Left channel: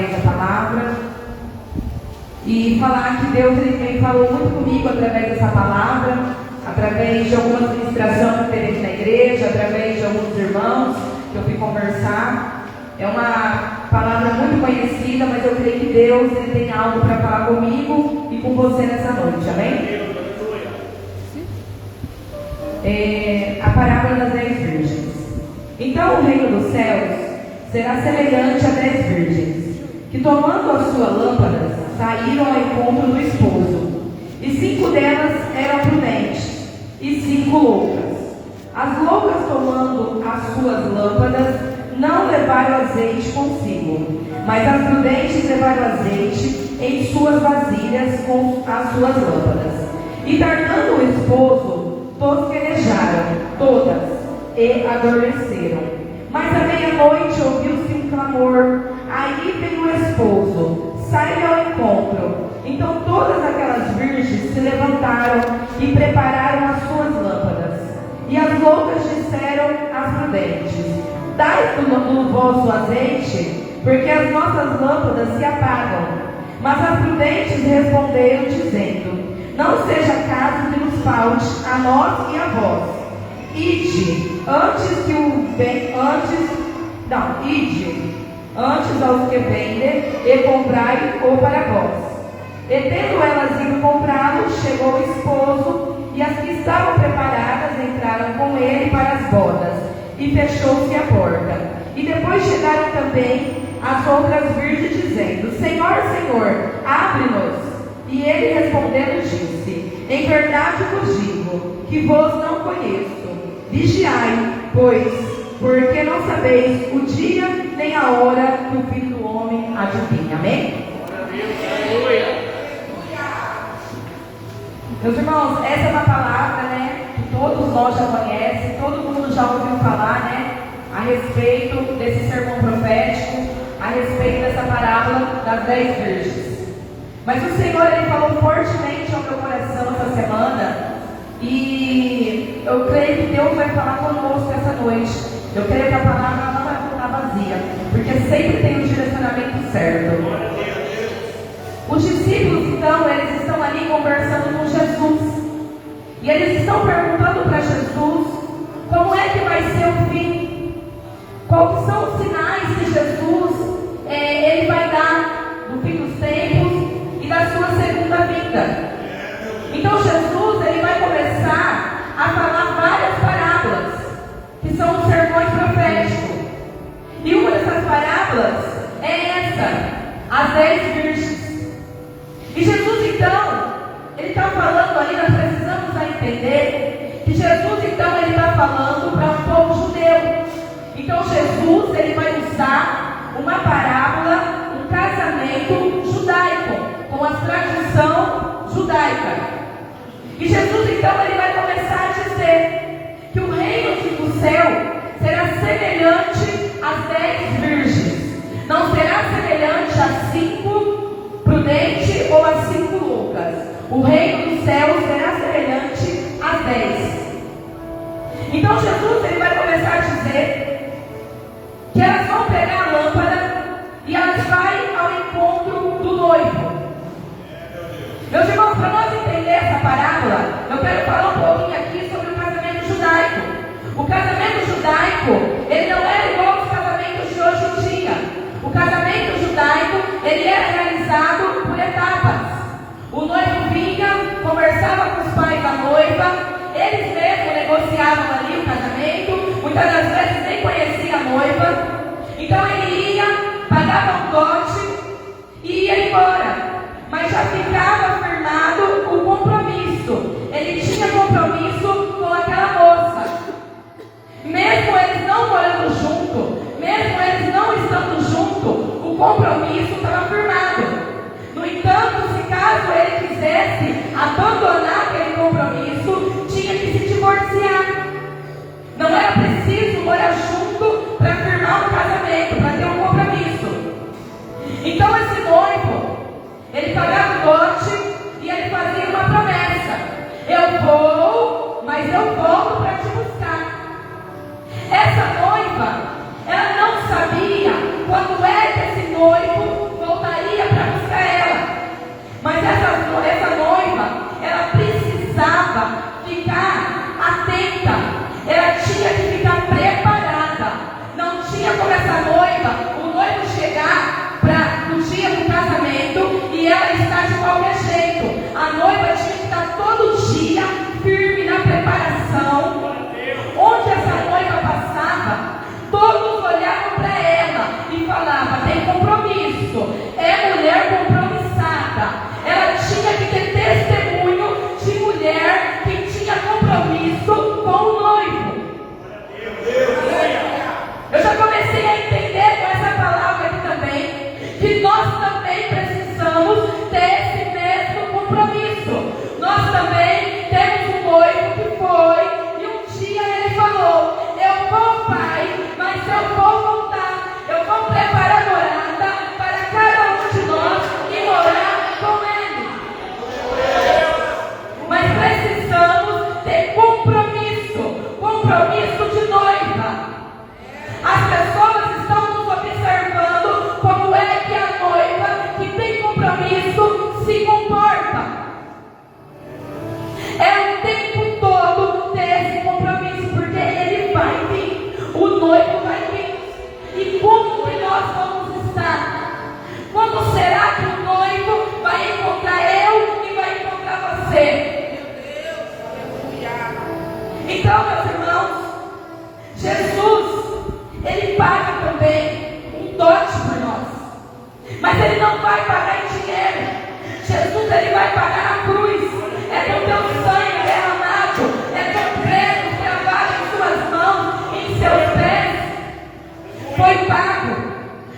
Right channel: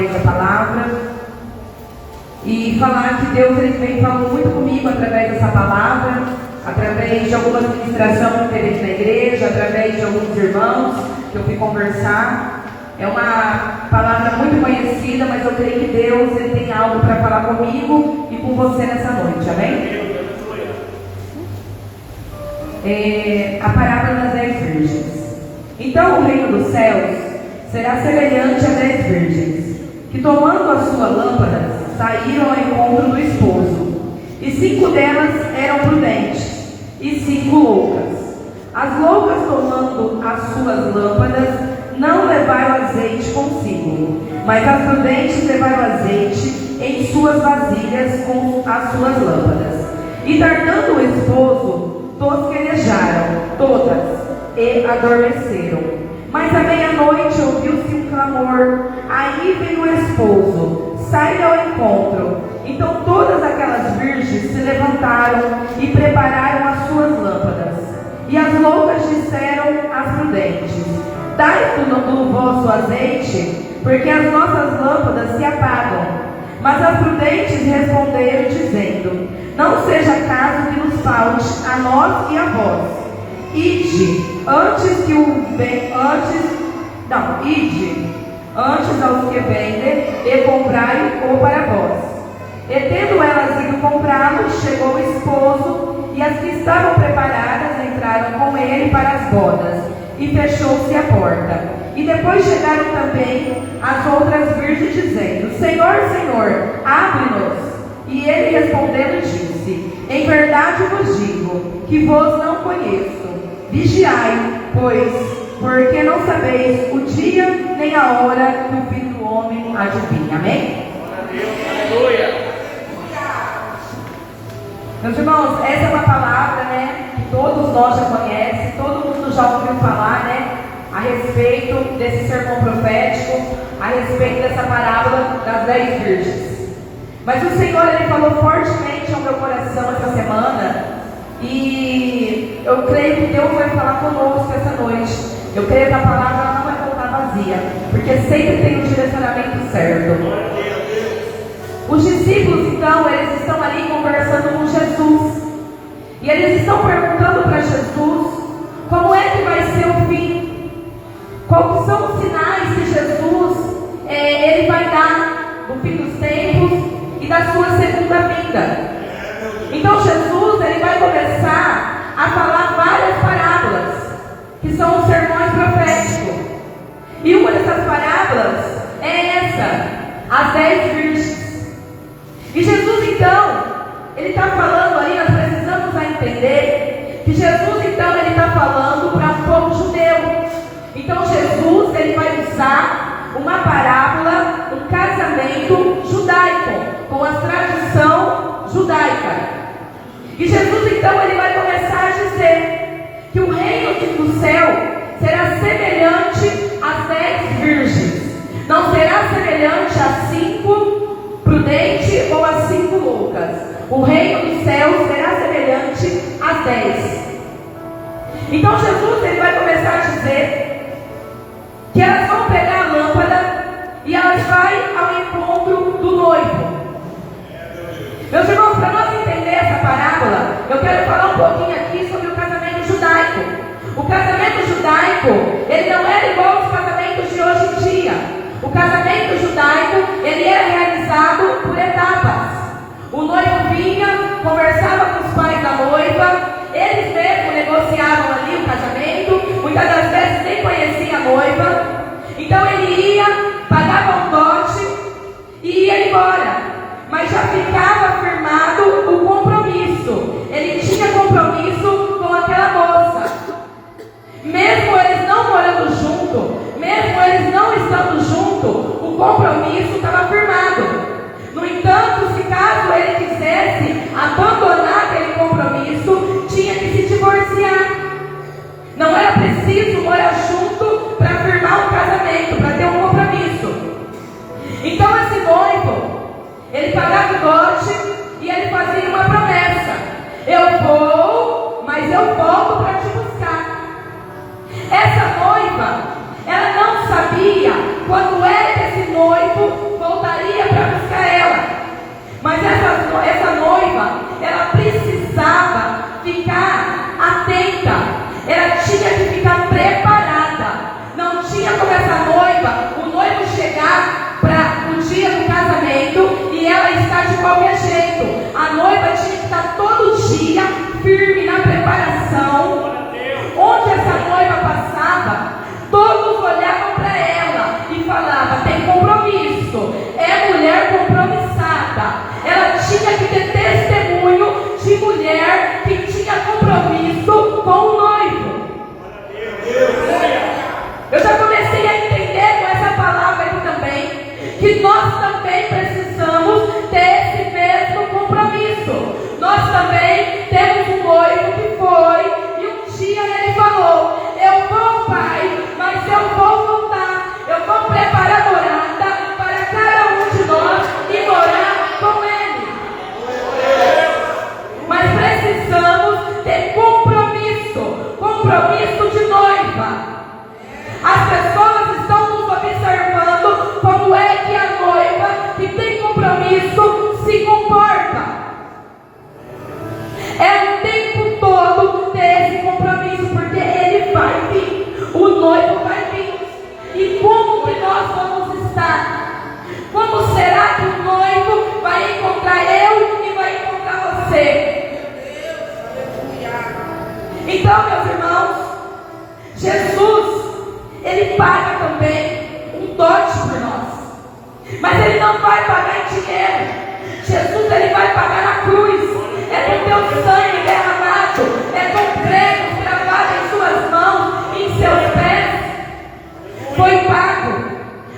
da palavra e falar que Deus ele falou muito comigo através dessa palavra, através de algumas ministrações que teve na igreja, através de alguns irmãos que eu fui conversar. É uma palavra muito conhecida, mas eu creio que Deus ele tem algo para falar comigo e com você nessa noite, amém? A parábola das 10 virgens. Então o reino dos céus será semelhante a 10 virgens, que tomando as suas lâmpadas, saíram ao encontro do esposo. E 5 delas eram prudentes, e 5 loucas. As loucas, tomando as suas lâmpadas, não levaram azeite consigo, mas as prudentes levaram azeite em suas vasilhas com as suas lâmpadas. E tardando o esposo, tosquenejaram todas e adormeceram. Mas à meia-noite ouviu-se um clamor: aí vem o esposo, saia ao encontro. Então todas aquelas virgens se levantaram e prepararam as suas lâmpadas. E as loucas disseram às prudentes: dai-nos o vosso azeite, porque as nossas lâmpadas se apagam. Mas as prudentes responderam, dizendo: não seja caso que nos falte a nós e a vós. Ide antes aos que vendem e comprai-o para vós. E tendo elas ido comprá-lo, chegou o esposo, e as que estavam preparadas entraram com ele para as bodas, e fechou-se a porta. E depois chegaram também as outras virgens, dizendo: Senhor, Senhor, abre-nos. E ele respondendo disse: em verdade vos digo que vos não conheço. Vigiai, pois, porque não sabeis o dia nem a hora que o Filho do Homem há de vir. Amém? Aleluia! Meus irmãos, essa é uma palavra, que todos nós já conhecem, todo mundo já ouviu falar, a respeito desse sermão profético, a respeito dessa parábola das 10 virgens. Mas o Senhor, ele falou fortemente ao meu coração essa semana, e eu creio que Deus vai falar conosco essa noite. Eu creio que a palavra não vai voltar vazia, porque sempre tem o direcionamento certo. Os discípulos, então, eles estão ali conversando com Jesus, e eles estão perguntando para Jesus como é que vai ser o fim, quais são os sinais que Jesus ele vai dar no fim dos tempos e da sua segunda vinda. Então Jesus ele vai começar a falar várias parábolas, que são os sermões proféticos. E uma dessas parábolas é essa, as 10 virgens. E Jesus então, ele está falando ali, nós precisamos entender que Jesus então ele está falando para um povo judeu. Então Jesus ele vai usar uma parábola, um casamento judaico, com a tradição judaica. E Jesus então ele vai começar a dizer que o reino do céu será semelhante às 10 virgens. Não será semelhante a 5 prudentes ou a 5 loucas. O reino do céu será semelhante às 10. Então Jesus ele vai começar a dizer que elas vão pegar a lâmpada e elas vão ao encontro do noivo. Meus irmãos, para nós entender essa parábola, eu quero falar um pouquinho aqui sobre o casamento judaico. O casamento judaico, ele não era igual aos casamentos de hoje em dia. O casamento judaico, ele era realizado por etapas. O noivo vinha, conversava com os pais da noiva, eles mesmos negociavam ali o casamento, muitas das vezes nem conhecia a noiva. Então ele ia, pagava um dote e ia embora. Mas já ficava firmado o compromisso. Ele tinha compromisso com aquela moça. Mesmo eles não morando junto, mesmo eles não estando junto, o compromisso estava firmado. No entanto, se caso ele quisesse abandonar aquele compromisso, tinha que se divorciar. Não era preciso morar junto para firmar um casamento, para ter um compromisso. Então esse noivo, ele pagava o dote e ele fazia uma promessa: eu vou, mas eu volto para te buscar. Essa noiva, ela não sabia quando é que esse noivo compromisso. É mulher compromissada. Ela tinha que ter testemunho de mulher que tinha compromisso com o noivo. Eu já comecei a entender com essa palavra aqui também que nós também precisamos ter esse mesmo compromisso. Nós também temos um noivo que foi e um dia ele falou: eu vou, pai, mas eu vou voltar. Eu vou preparar morada para cada um de nós e morar com ele. Mas precisamos ter compromisso, compromisso de noiva. As pessoas estão nos observando como é que a noiva que tem compromisso se comporta. É o tempo todo ter esse compromisso, porque ele vai vir, o noivo vai vir. E como que nós vamos estar? Como será que o noivo vai encontrar eu e vai encontrar você? Então, meus irmãos, Jesus, ele paga também um dote por nós. Mas ele não vai pagar em dinheiro. Jesus, ele vai pagar na cruz. É com teu sangue derramado. É com pregos gravados em suas mãos, em seus pés. Foi pago.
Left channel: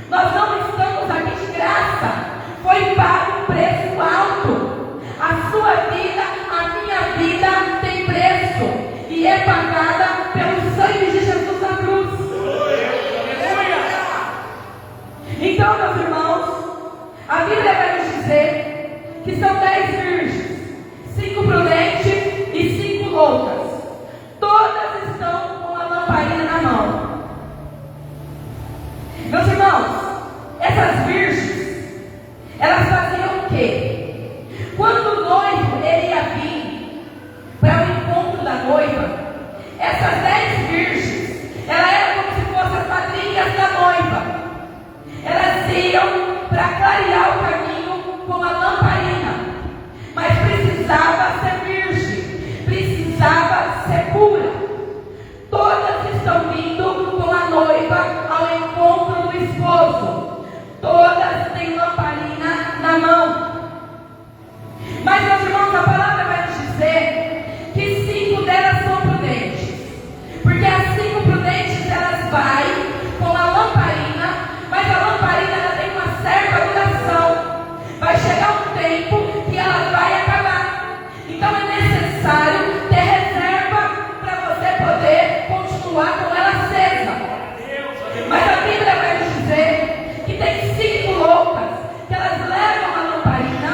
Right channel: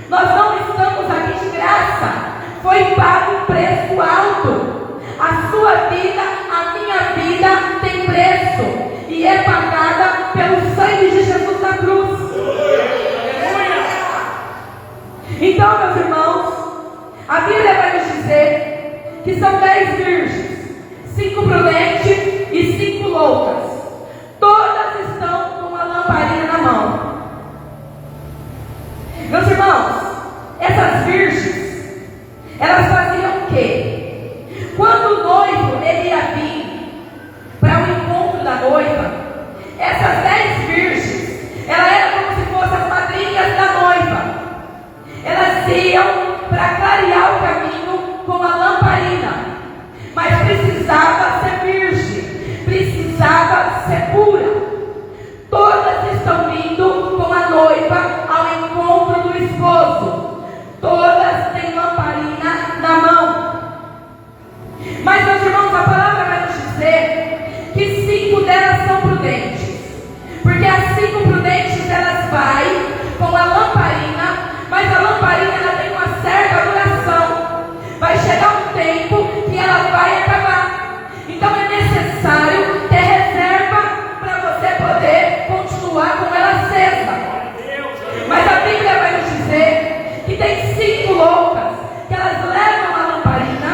Nós não estamos aqui de graça. Foi pago um preço alto. A sua vida, a minha vida tem preço. E é pagada pelo sangue de Jesus na cruz. Então, meus irmãos, a Bíblia vai nos dizer que são 10 virgens, 5 prudentes e 5 loucas. Todas estão com a lamparina na mão. Meus irmãos, essas virgens, elas faziam o quê? Quando o noivo ele ia vir para o encontro da noiva, essas 10 virgens, elas eram como se fossem as madrinhas da noiva. Elas iam para clarear o caminho com a lamparina, mas precisava ser virgem, precisava ser pura. Todas estão vindo com a noiva ao encontro do esposo. Todas têm lamparina na mão. Mas, meus irmãos, a palavra vai nos dizer que 5 delas são prudentes, porque as 5 prudentes elas vai com a lamparina, mas a lamparina ela tem uma certa duração. Vai chegar um tempo que ela vai acabar. Então é necessário ter reserva para você poder continuar com ela acesa. Mas a Bíblia vai nos dizer que tem 5 loucas que elas levam a lamparina,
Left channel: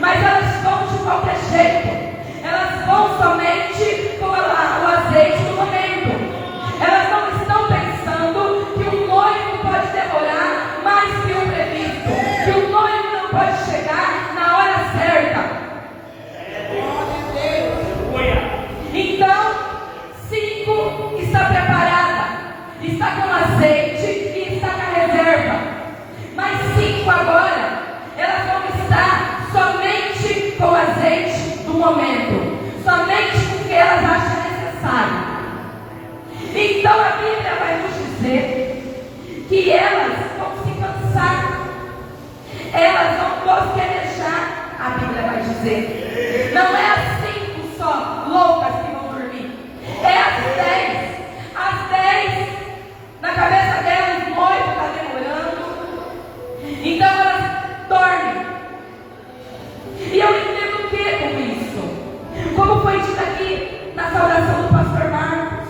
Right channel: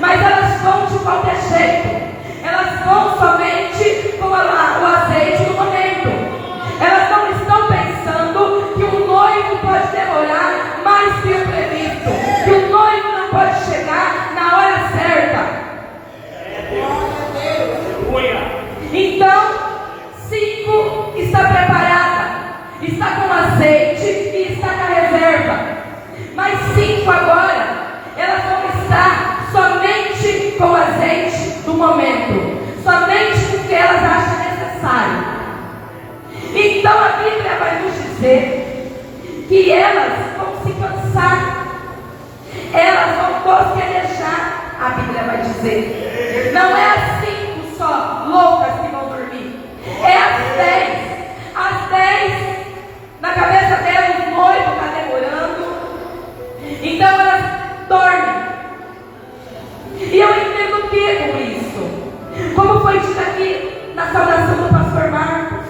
mas elas vão de qualquer jeito. Elas vão somente com o azeite no momento. Elas não estão pensando que o noivo pode demorar mais que o previsto, que o noivo não pode chegar na hora certa. Então, 5 está preparada, está com azeite e está na reserva. Mas 5 agora, elas vão estar somente com azeite do momento, somente com o que elas acham necessário. Então a Bíblia vai nos dizer que elas vão se cansar, elas vão bosquejar. A Bíblia vai dizer, não é as 5 só loucas que vão dormir, é as 10. As 10, na cabeça delas o noivo está demorando, então elas dormem. E eu entendo o que com isso? Como foi dito aqui na saudação do pastor Marcos,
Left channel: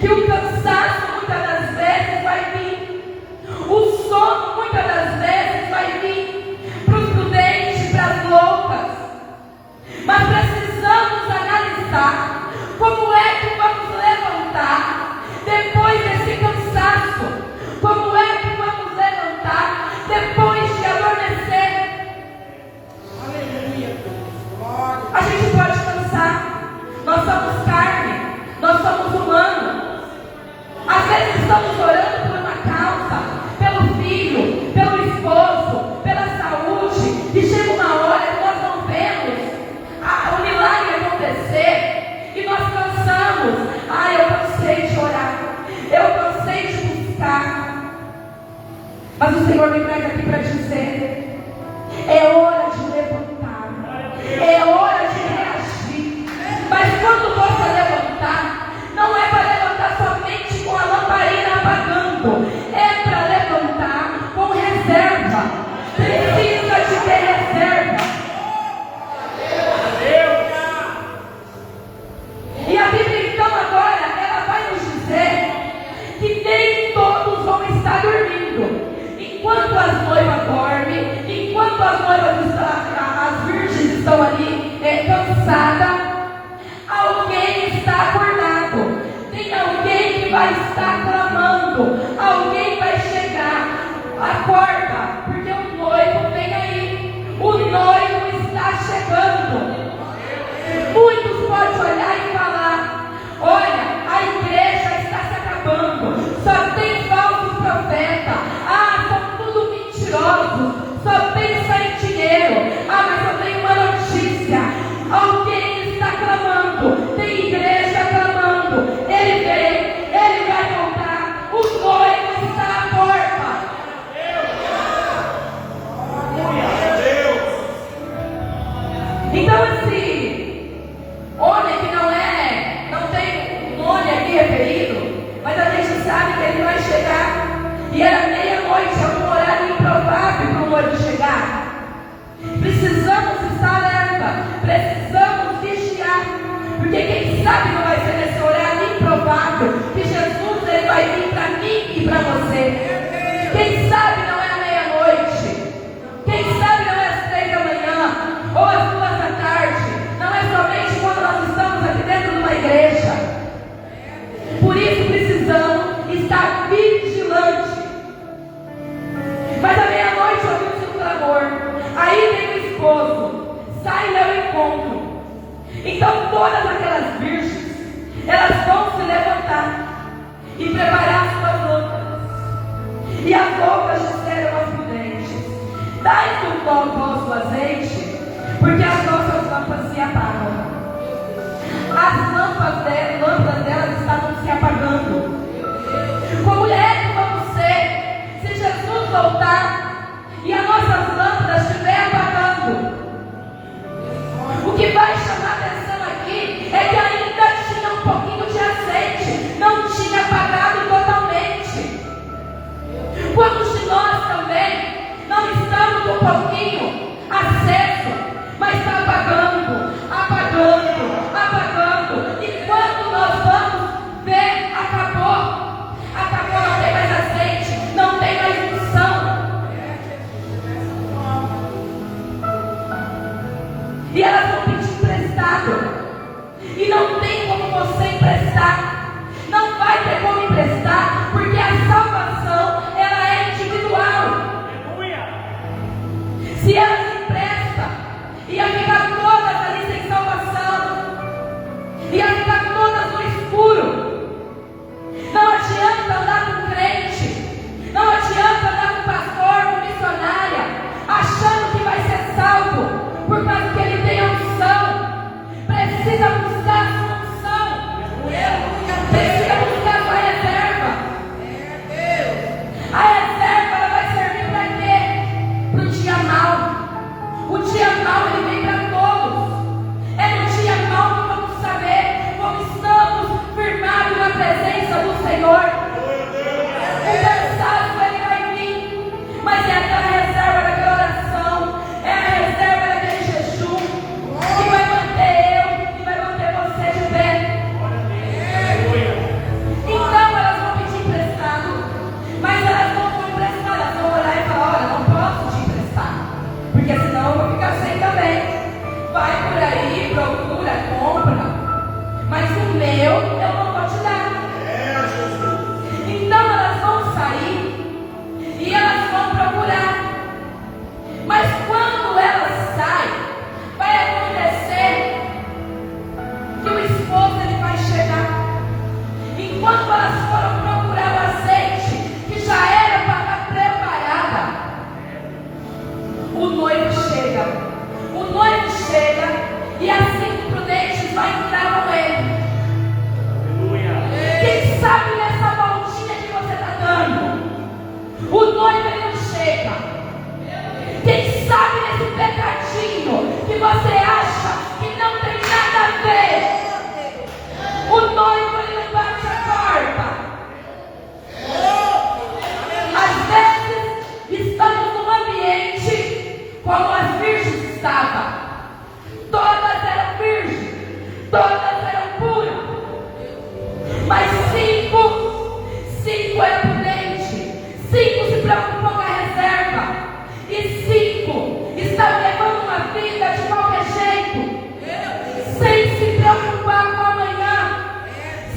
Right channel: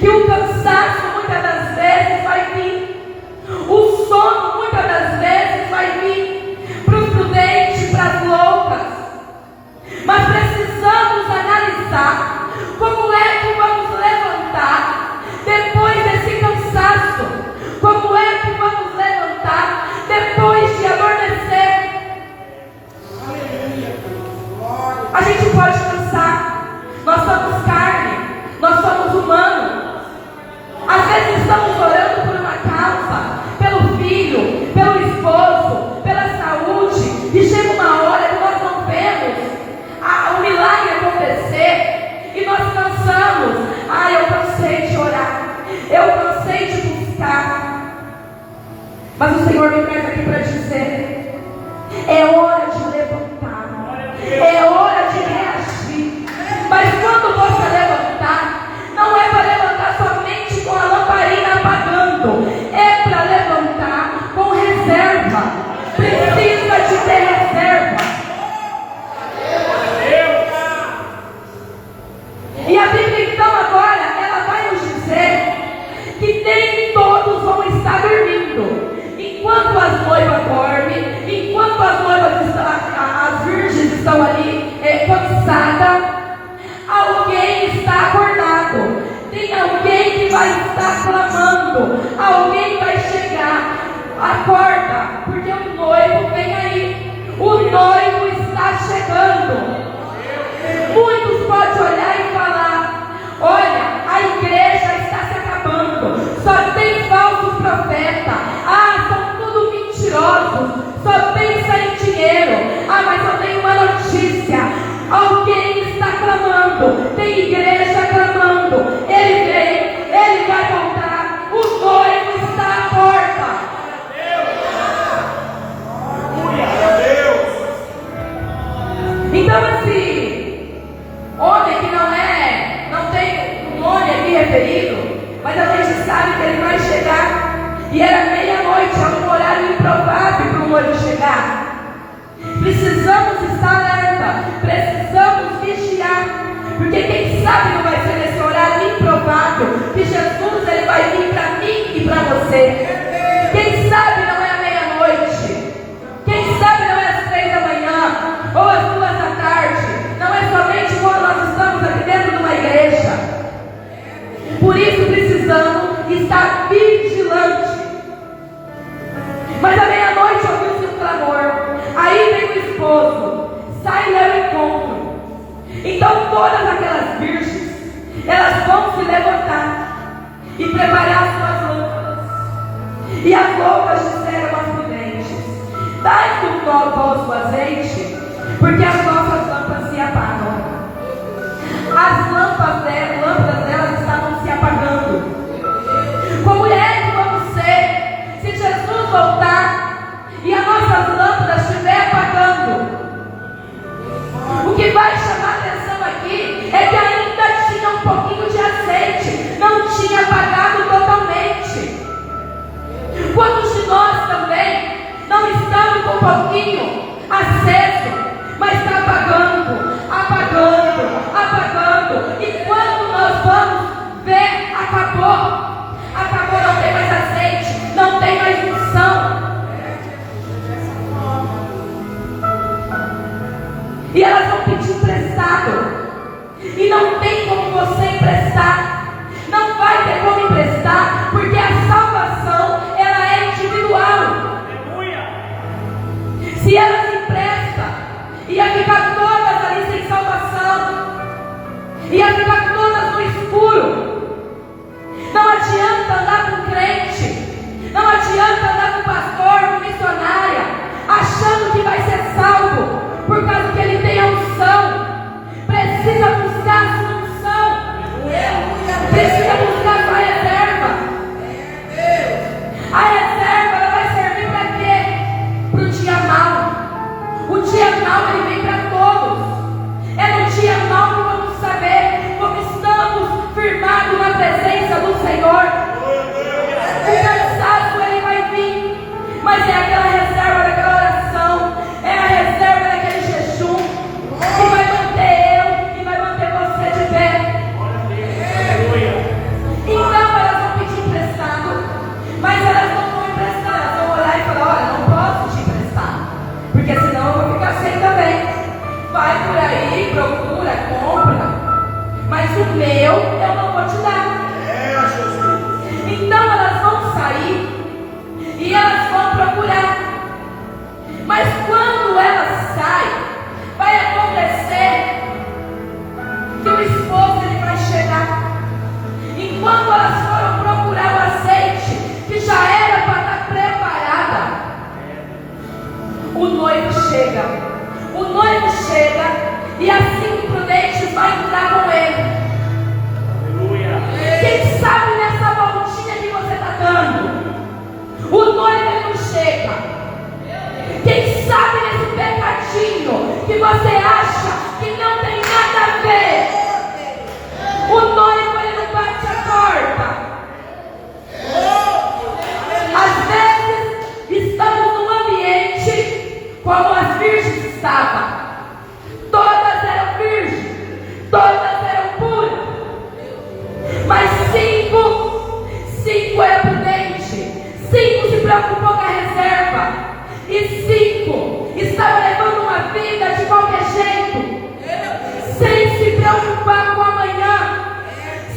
que o cansaço muitas das vezes vai vir, o sono muitas das vezes vai vir para os prudentes, para as loucas. Mas precisamos analisar como é que vamos levantar depois desse cansaço, como é que vamos levantar depois de adormecer. A gente pode cansar, nós somos carne. noiva chegar. Precisamos estar alerta, precisamos vigiar, porque quem sabe não vai ser nesse horário improvável que Jesus ele vai vir para mim e para você. Quem sabe não é à meia-noite, quem sabe não é às 3 da manhã ou às 2 da tarde, não é somente quando nós estamos aqui dentro de uma igreja. Por isso precisamos estar vigilantes. Mas à meia-noite ouviu-se um clamor. Aí vem o esposo, sai e ao encontro. Então todas aquelas virgens, elas vão se levantar e preparar as suas lâmpadas. E as loucas disseram aos prudentes: dai-nos um vosso azeite, porque as nossas lâmpadas se apagam. As lâmpadas delas estavam se apagando. Como é que vamos ser se Jesus voltar e as nossas lâmpadas estiver apagando? O que vai chamar a atenção aqui é que ainda tinha um pouquinho de azeite, não tinha apagado totalmente. Quantos de nós também não estamos com um pouquinho aceso, mas está apagando, apagando, apagando, e quando nós vamos ver, acabou, não tem mais azeite, não tem mais unção. E elas vão pedir emprestado. E não tem como você emprestar. Não vai ter como emprestar, porque a salvação, ela é individual. Aleluia. Se elas emprestam, ia ficar todas ali sem salvação. Ia ficar todas no escuro. Não adianta andar com crente. Não adianta andar com pastor, com missionária, achando que vai ser salvo, por causa que ele tem a unção. Precisa buscar a sua unção. Precisa buscar a sua reserva. A reserva ela vai servir para quê? Para o dia mau. O dia mau ele vem para todos. É no dia mau que vamos saber como estamos firmados na presença do Senhor. O cansaço ele vai vir, mas é aquela reserva daquela oração, é a reserva daquele jejum que vai manter eu e vai manter você de pé. Então elas vão pedir emprestado, mas elas não vão emprestar, elas vão orar e falar: olha, não posso te emprestar, porque senão eu vou ficar sem também. Vai por aí, procura, compra, mas o meu eu não vou te dar. Então elas vão sair e elas vão procurar. Mas quando elas saem, vai acontecer que o esposo ele vai chegar. Enquanto elas foram procurar o azeite, que já era para estar preparada, o noivo chega. O noivo chega e as 5 prudentes vai entrar com ele. Aleluia. Quem sabe nessa voltinha que você está dando, o noivo ele não chega. Quem sabe nesse pecadinho que você acha que não tem nada a ver, o noivo ele não bate a porta. Às vezes estamos num ambiente como as virgens estavam. Todas eram virgens, todas eram puras, mas 5 eram prudentes, 5 se preocupou com a reserva, e 5 estavam levando uma vida de qualquer jeito, sem se preocupar com amanhã,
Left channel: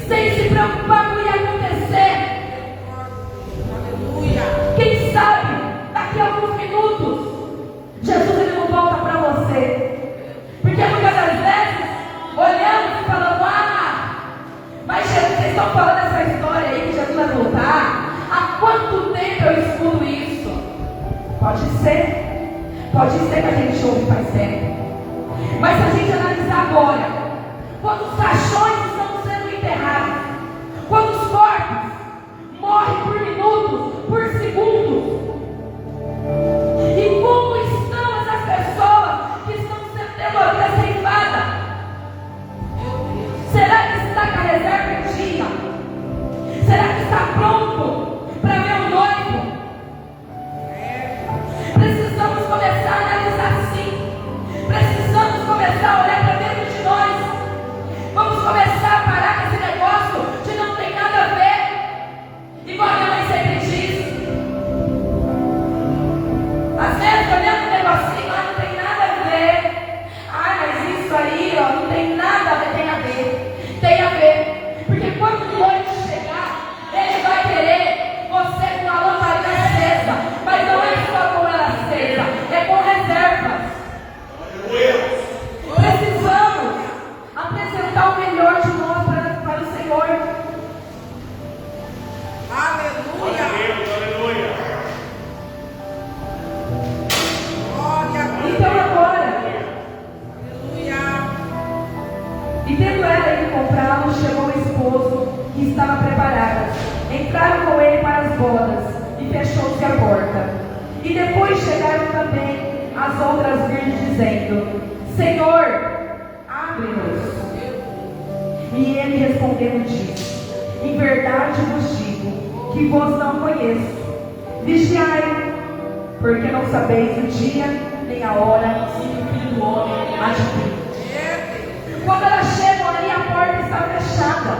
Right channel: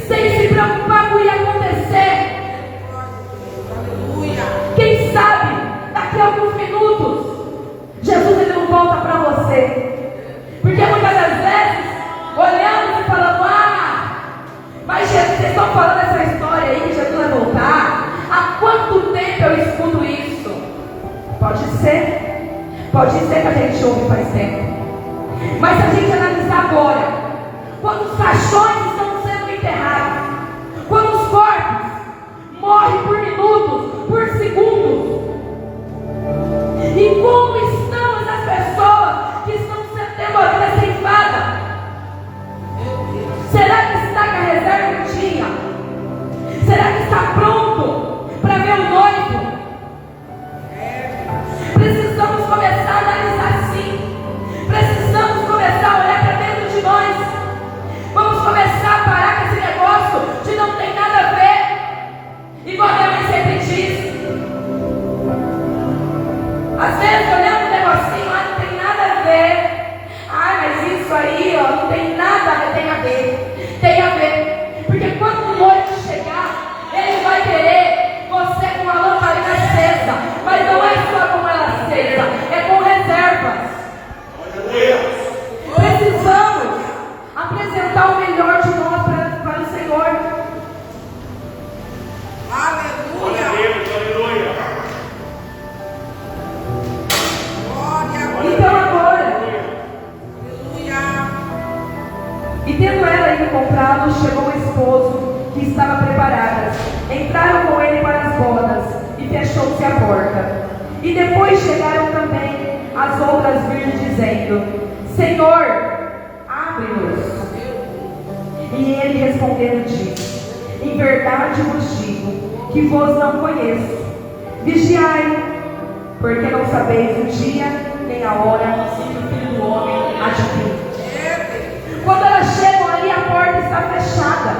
sem se preocupar com o que ia acontecer. Quem sabe daqui a alguns minutos Jesus ele não volta para você. Porque muitas das vezes olhamos e falamos: mas Jesus, vocês estão falando essa história aí que Jesus vai voltar? Há quanto tempo eu escuto isso? Pode ser que a gente ouve faz tempo. Mas se a gente analisar agora, quando os caixões estão sendo enterrados, quando os corpos morrem por minutos, por segundos, e como estão essas pessoas que estão sendo demolidas sem fada? Será que está com a reserva em dia? Será que está pronto para ver o noivo? Precisamos Às vezes olhando um negocinho lá, não tem nada a ver. Ah, mas isso aí, ó, não tem nada a ver, tem a ver. Tem a ver. Porque quando o noivo chegar, ele vai querer você com a lamparina acesa. Mas não é só com ela acesa, é com reservas. Precisamos apresentar o melhor de nós para o Senhor. Glória a Deus, aleluia. Então agora, e tendo ela ido comprá-lo, chegou o esposo que estava preparada. Entraram com ele para as bodas e fechou-se a porta. E depois chegaram também as outras virgens dizendo: Senhor, abre-nos. E ele respondendo disse: Em verdade vos digo que vos não conheço. Vigiai, porque não sabeis o dia nem a hora em que o Filho do Homem há de vir. Quando elas chegam ali, a porta está fechada.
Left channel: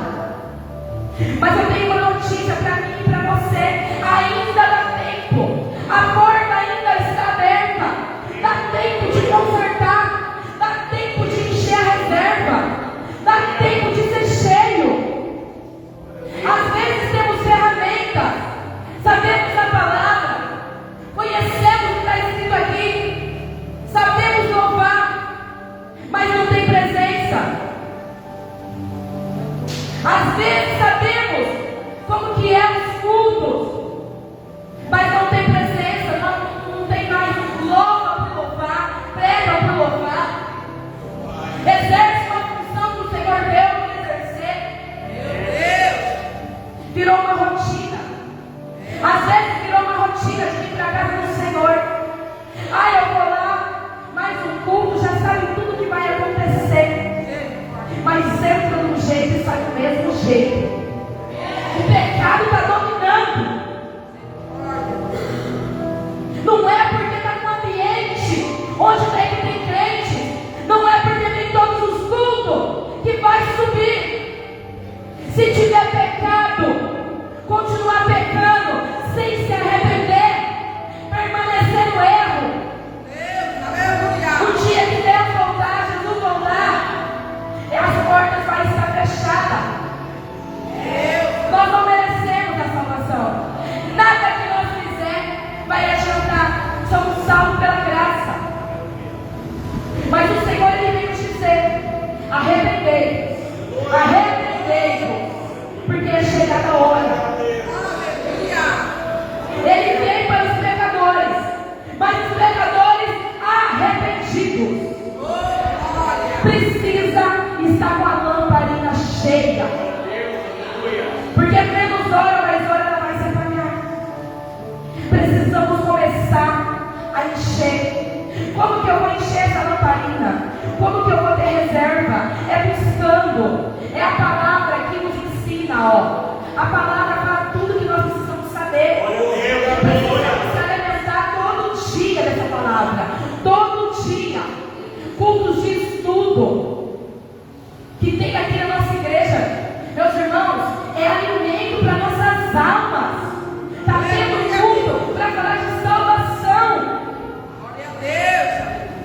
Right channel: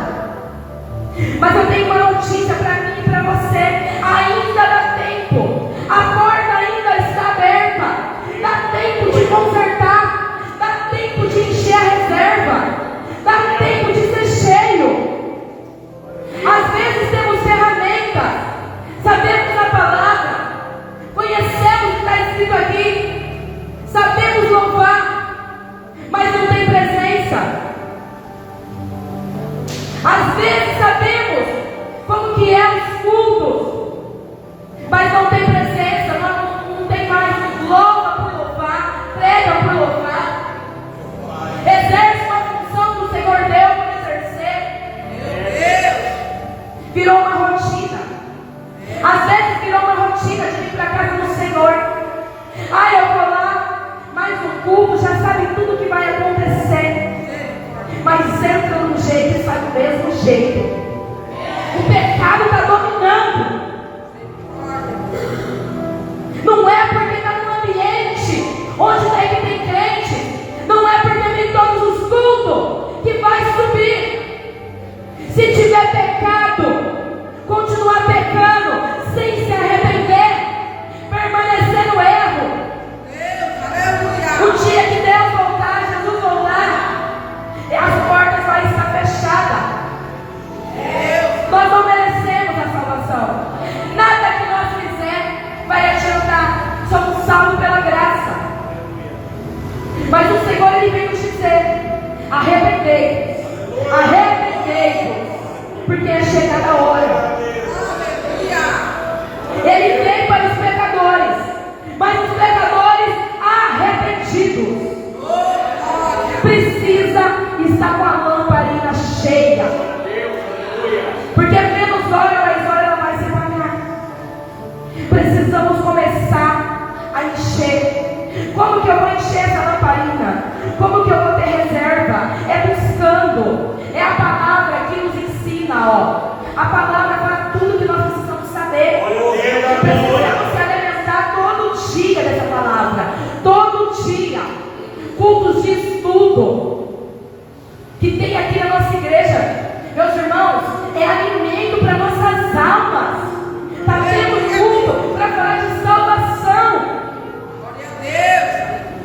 Mas eu tenho uma notícia para mim e para você: ainda dá tempo. A porta ainda está aberta. Dá tempo de consertar. Dá tempo de encher a reserva. Dá tempo de ser cheio. Às vezes temos ferramentas, sabemos a palavra, conhecemos o que está escrito aqui, sabemos louvar, mas não tem presença. Às vezes sabemos como que é os cultos, mas não tem presença, não tem mais. Louva por louvar, prega por louvar, exerce uma função que o Senhor deu para exercer. Virou uma rotina. Às vezes virou uma rotina de vir para a casa do Senhor. Ah, eu vou lá, mais um culto, já sabe tudo que vai acontecer. Mas entra de um jeito e sai do mesmo jeito. O pecado está dominando. Não é porque está no ambiente onde tem crente, não é porque tem todos os cultos que vai subir. Se tiver pecado, continuar pecando, sem se arrepender, permanecer no erro. No dia que Deus voltar, Jesus voltar, as portas vão estar fechadas. Nós não merecemos a salvação. Nada que nós fizermos vai adiantar. Somos salvos pela graça. Mas o Senhor, Ele vem nos dizer: arrependei-vos, arrependei-vos, porque é chegada a hora. Ele vem para os pecadores, mas os pecadores arrependidos precisa estar com a lamparina cheia, porque menos hora, mais hora ela vai se apagar. Precisamos começar a encher. Como que eu vou encher essa lamparina? Como que eu vou ter reserva? É buscando. É a palavra que nos ensina, ó. A palavra fala tudo que nós precisamos saber. Precisamos se alimentar todo dia dessa palavra. Todo dia. Cultos de estudo que tem aqui na nossa igreja. Meus irmãos, é alimento para nossas almas. Está tendo culto para falar de salvação. Glória a Deus.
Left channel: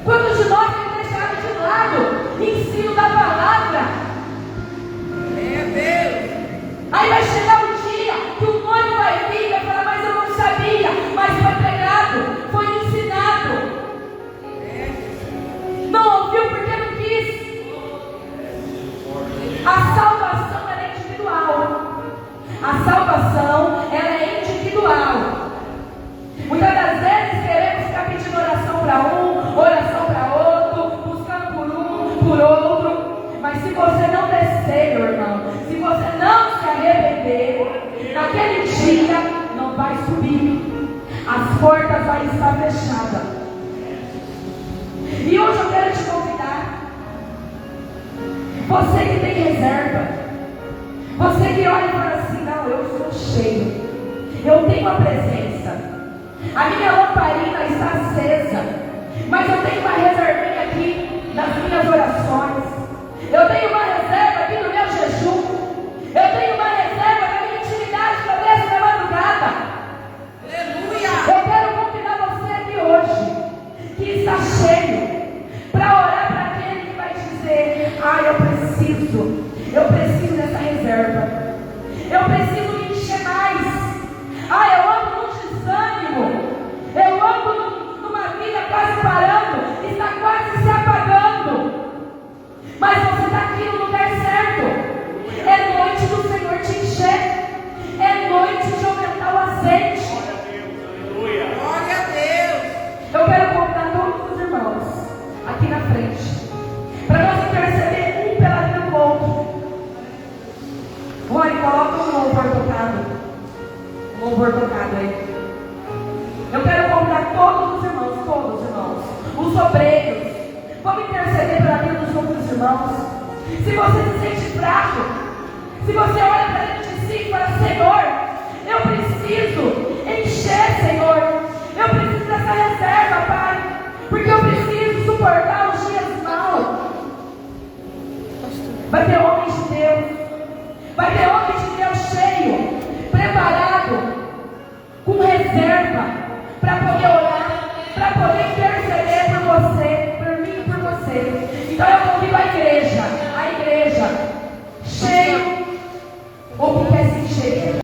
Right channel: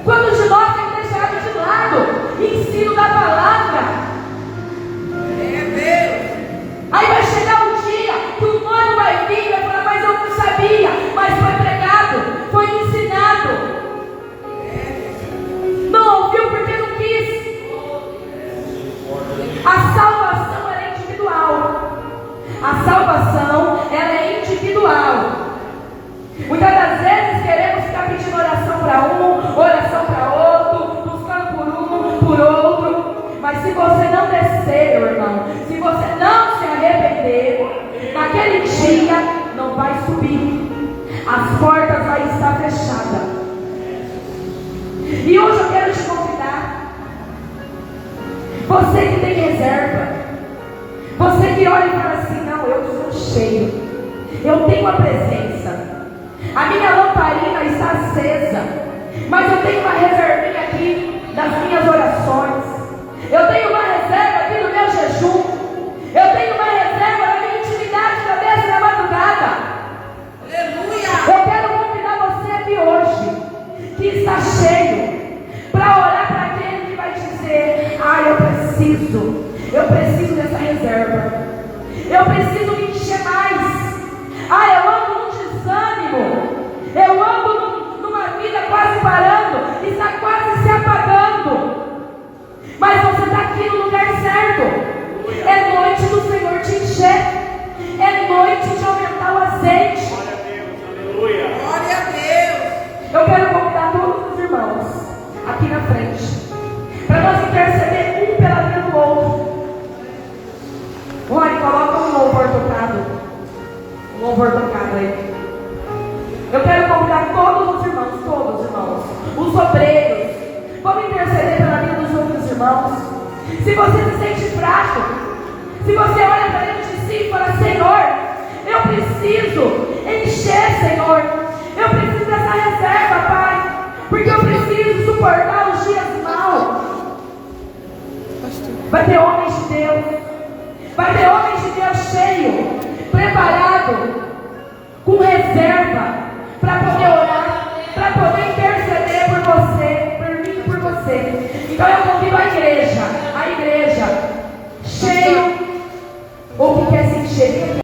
Quando de nós é deixado de lado ensino da palavra. Aí vai chegar um dia que o noivo vai vir e vai falar: mas eu não sabia, mas foi pregado, foi ensinado. Não ouviu porque não quis. A salvação ela é individual. A salvação ela é individual. Muitas das vezes queremos ficar pedindo oração para um, oração para outro, buscando por um, por outro. Mas se você não descer, meu irmão, se você não se arrepender, naquele dia não vai subir. As portas vão estar fechadas. E hoje eu quero te convidar, você que tem reserva, você que olha e fala assim: não, eu sou cheio, eu tenho a presença, a minha lamparina está acesa, mas eu tenho uma reservinha aqui das minhas orações, eu tenho uma reserva aqui no meu jejum, eu tenho uma reserva na minha intimidade na 10ª madrugada. Aleluia. Eu quero convidar você aqui hoje preciso dessa reserva. Eu preciso me encher mais. Eu ando num desânimo. Eu ando numa vida quase parando, está quase se apagando. Mas você está aqui no lugar certo. É noite do Senhor te encher. É noite de aumentar o azeite. Glória a Deus, aleluia. Glória a Deus. Eu quero convidar todos os irmãos aqui na frente, para nós interceder um pela vida do outro. Olha, coloca um louvor tocado. Um louvor tocado aí. Eu quero convidar todos os irmãos, os obreiros. Vamos interceder pela vida dos outros irmãos. Se você se sente fraco, se você olha para dentro de si e fala: Senhor, eu preciso encher, Senhor. Eu preciso dessa reserva, Pai. Porque eu preciso suportar os dias maus. Vai ter homens de Deus. Vai ter homens de Deus cheio, preparado, com reserva.